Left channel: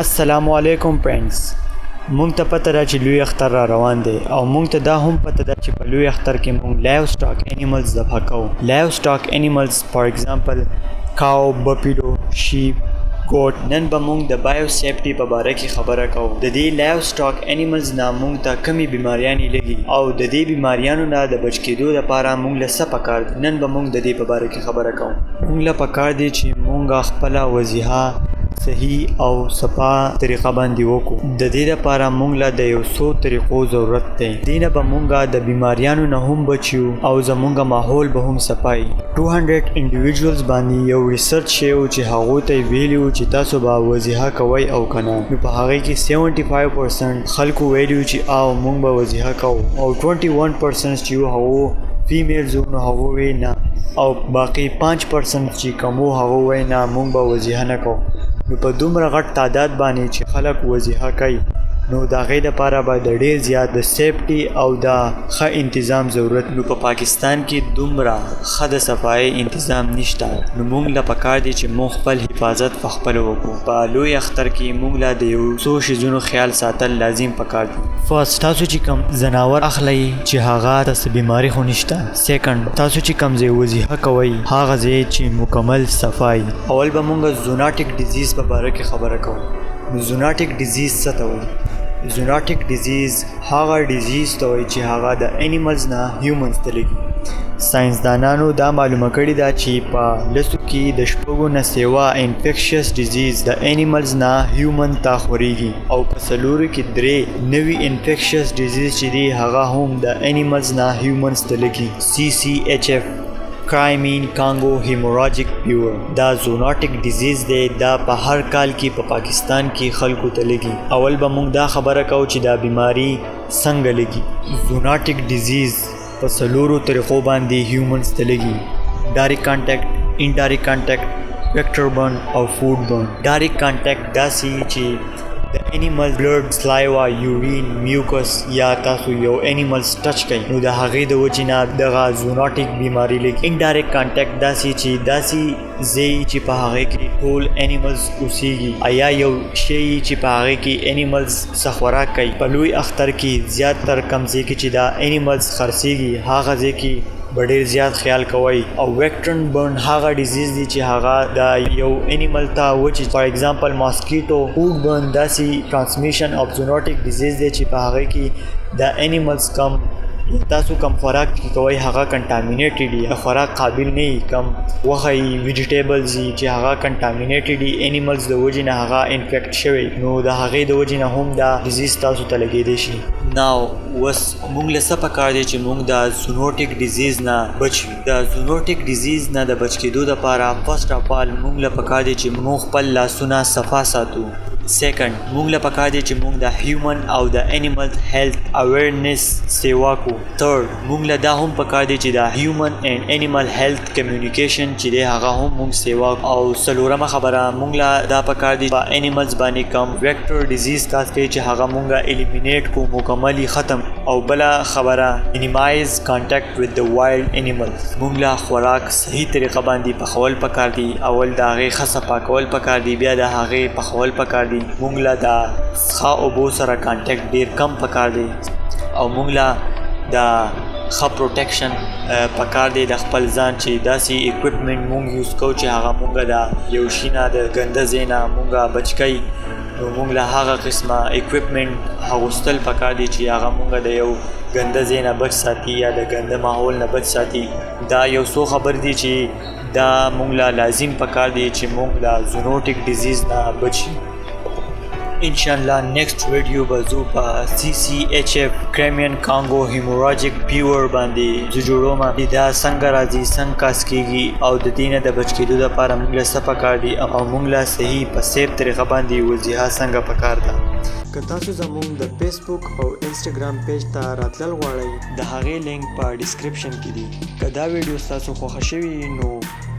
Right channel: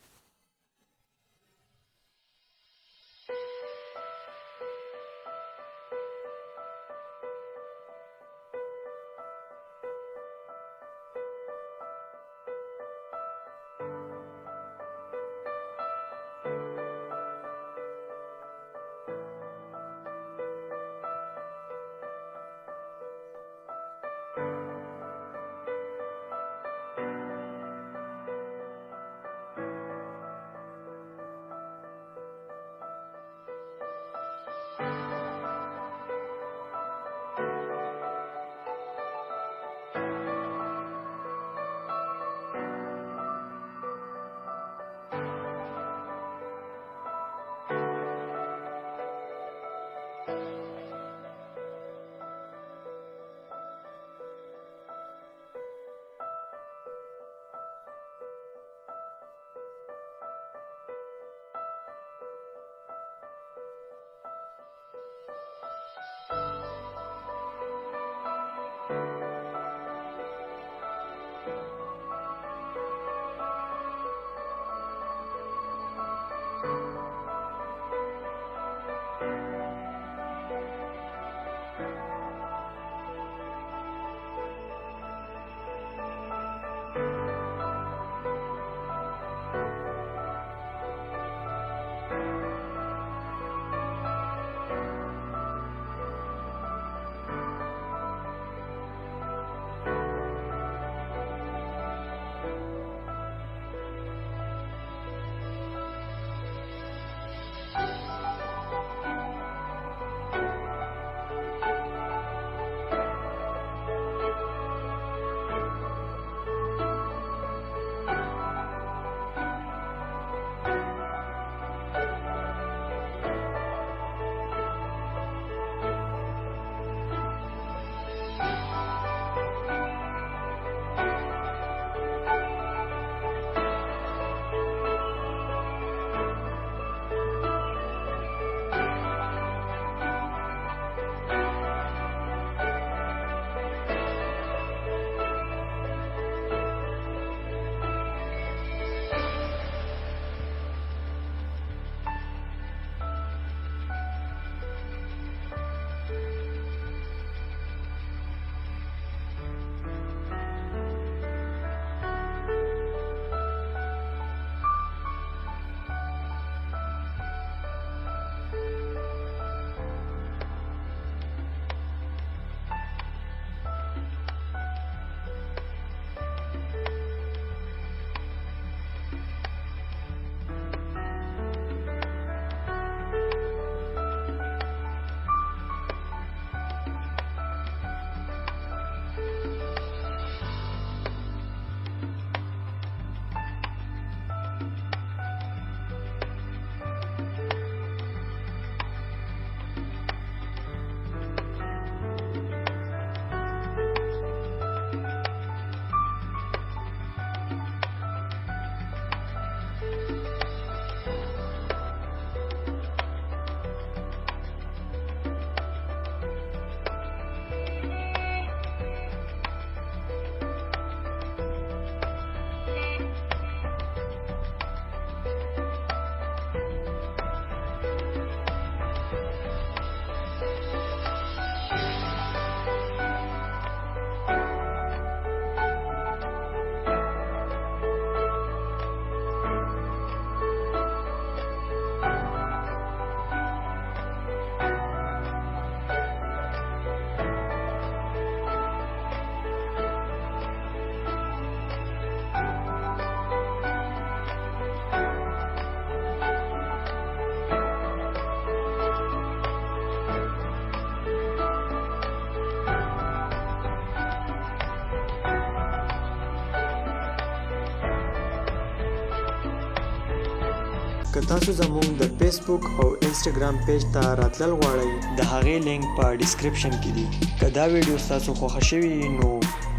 السلام علیکم فرینډز. مونږ ته پته ده چې لوی اختر را روان دی او مونږ ته دا هم پته ده چې په لوی اختر کې مونږ لایو سټاک انیملز ذبح کوو. لایو سټاک انیملز فار ایگزامپل کاو، بفیلو، شیپ، ګوټ. نن به مونږ د بایو سیفټي په باره کې خبره کوو. د دې لایو سټاک انیملز نه مونږ ته کمی بیماریانې لګي او د دې بیماریانو نه د بچ کېدو لپاره مونږ له څه پکار دي. نن به مونږ د دې په باره کې خبره کوو. مونږ له پکار دي چې مونږ خپله وضیحه صحیح او صفا طریقه باندې وکړو. د دې لپاره مونږ له د یو څو طریقو ضرورت دی. دې نه به مونږ د بیماریانو نه هم بچیو او زمونږ ماحول به هم صفایي. 200 انډیویډوالز باندې یو ریسرچ شوی چې هغوی ته یې ویلي و چې تاسو به وضیحه کوئ او که نه. نو په هغې کې 75% خلکو ویلي و چې او مونږ به وضیحه کوو او 21% چې و هغو فیمیلز نو هغو وی نه او باقي 5% چې کوم و هغو وی نه مونږ به وضیحه نه کوو. نو په دومره غټ تعداد باندې چې خلک وضیحه کوي نو د هغې دپاره به د ډېر زیات د سیفټي او د ښه انتظام ضرورت. نو په پاکستان کې دومره ښه د صفایي انتظام نشته. نو مونږ له پکار دی چې مونږ خپل حفاظت په خپله وکړو. په لوی اختر کې مونږ له د یو څو شیزونو خیال ساتل لازم پکار دی. فرست تاسو چې کم ځناور اخلئ چې هغه تاسو بیماري خو نشته. سیکنډ تاسو چې کم ځای وضیحه کوئ هغه ځای چې مکمل صفایي. اول به مونږ زوناټیک ډیزیز په باره کې خبره کوو. نو زوناټیک ډیزیز څه ته وایي؟ زوناټیک ډیزیز هغه ډیزیز ته وایي چې هغه د انیملز نه هیومنز ته لګي. ساینسدانانو دا معلومه کړې ده چې په لسو کې د شپږو نه سیوا انفیکشس ډیزیز د انیملز نه هیومن ته خورېږي او په څلورو کې 3 نوي انفیکشس ډیزیز چې دي هغه هم د انیملز نه هیومنز ته لګي. CCHF کرایمین کانګو هیموراجیک فیور دا زوناټیک ډیزیز دی. دا په هر کال کې په پاکستان کې خلکو ته لګي. اول به مونږ دا خبره کوو چې دا بیماری څنګه لګي. زوناټیک ډیزیز په څلورو طریقو باندې هیومنز ته لګي. ډایرکټ کانټیکټ، انډایرکټ کانټیکټ، ویکټر برن او فود برن. ډایرکټ کانټیکټ داسې چې د انیمل بلډ، سلایوا، یورین، میوکس یا تاسو یو انیملز ټچ کوي نو د هغې د وجې نه دغه زوناټیک بیماري لګي. انډایرکټ کانټیکټ داسې چې داسې ځای چې په هغې کې ټول انیملز اوسیږي یا یو شی چې په هغې کې انیملز څه خوراک کوي. په لوی اختر کې زیاتر کم ځای کې چې دا انیملز خرڅېږي هغه ځای کې به ډېر زیات خیال کوئ. او ویکټرن برن هغه ډیزیز دی چې هغه د یو انیمل ته وچې فار ایگزامپل ماسکیټو. فود برن داسې ټرانسمیشن اف زوناټیک ډیزیز دی چې په هغې کې د انیملز کم تاسو کم خوراک کوئ هغه کنټامینیټډ وي، د خوراک قابل نه وي. کم غوښه وي، ویجیټیبلز وي چې هغه کنټامینیټډ وي، انیملز د وجې نه هغه انفیکټ شوی نو د هغې د وجې نه هم دا ډیزیز تاسو ته لګېدی شي. ناو اوس مونږ له څه پکار دی چې مونږ د زونوټیک ډیزیز نه بچ وي. د زونوټیک ډیزیز نه د بچ کېدو دپاره فرسټ اف آل مونږ له پکار دی چې مونږ خپل لاسونه صفا ساتو. سیکنډ مونږ له پکار دی چې مونږ د هیومن او د انیمل هیلث اویرنس سیوا کو. تھرډ مونږ له دا هم پکار دی چې د هیومن اینڈ انیمل هیلث کمیونیکیشن چې دی هغه هم مونږ سیوا کو. او څلورمه خبره مونږ له دا پکار دی په انیملز باندې کم ویکټر ډیزیز تاسو کې چې هغه مونږ الیمینیټ کو، مکملی ختم. او بله خبره minimize contact with the wild animals. مونږ له خوراک صحیح طریقه باندې پخول پکار دی. اول د هغې ښه صفا کول پکار دی، بیا د هغې پخول پکار دی. مونږ له د ښه اوبو سره کانټیکټ ډېر کم پکار دی او مونږ له د ښه پروټیکشن پکار دی د خپل ځان چې داسې اکوپمنټ مونږ یوز کوو چې هغه مونږ د یو شي نه د ګنده ځای نه مونږ بچ کوي. نو مونږ له هغه قسمه اکوپمنټ اغوستل پکار دی چې هغه مونږ د یو ګنده ځای نه بچ ساتي یا د ګنده ماحول نه بچ ساتي. دا یو څو خبر دی چې دا مونږ له لازم پکار دی چې مونږ د زونوټیک ډیزیز نه بچ شو. انشاءالله نیکسٹ ویډیو به زه په CCHF کرایمین کانګو هیموراجیک فیور باندې زه جوړوم چې دا څنګه راځي، څنګه کاس کېږي او د دې نه د بچ کېدو دپاره مونږ له څه پکار دي او مونږ له صحیح په سیف طریقه باندې وضیحه څنګه پکار ده. که تاسو زموږ د فیسبوک او انسټاګرام پیج ته راتلل غواړئ د هغې لینک په ډسکرپشن کې دی. که دا ویډیو ستاسو خوښه شوي نو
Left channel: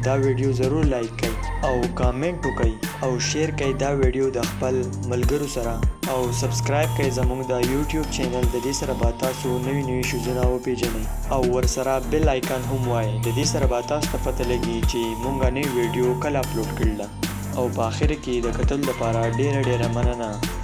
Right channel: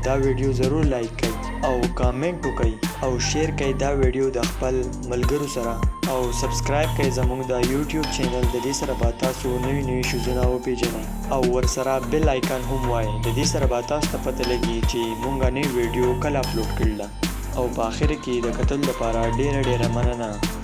دا ویډیو ضرور لایک کړئ او کامنټ وکړئ او شیر کړئ دا ویډیو د خپل ملګرو سره او سبسکرایب کړئ زموږ د یوټیوب چینل. د دې سره به تاسو نوي نوي شیزونه وپېژنئ او ورسره بیل آیکن هم وایئ. د دې سره به تاسو ته پته لګي چې مونږ نوې ویډیو کله اپلوډ کړله. او په آخر کې د کتل لپاره ډیره مننه.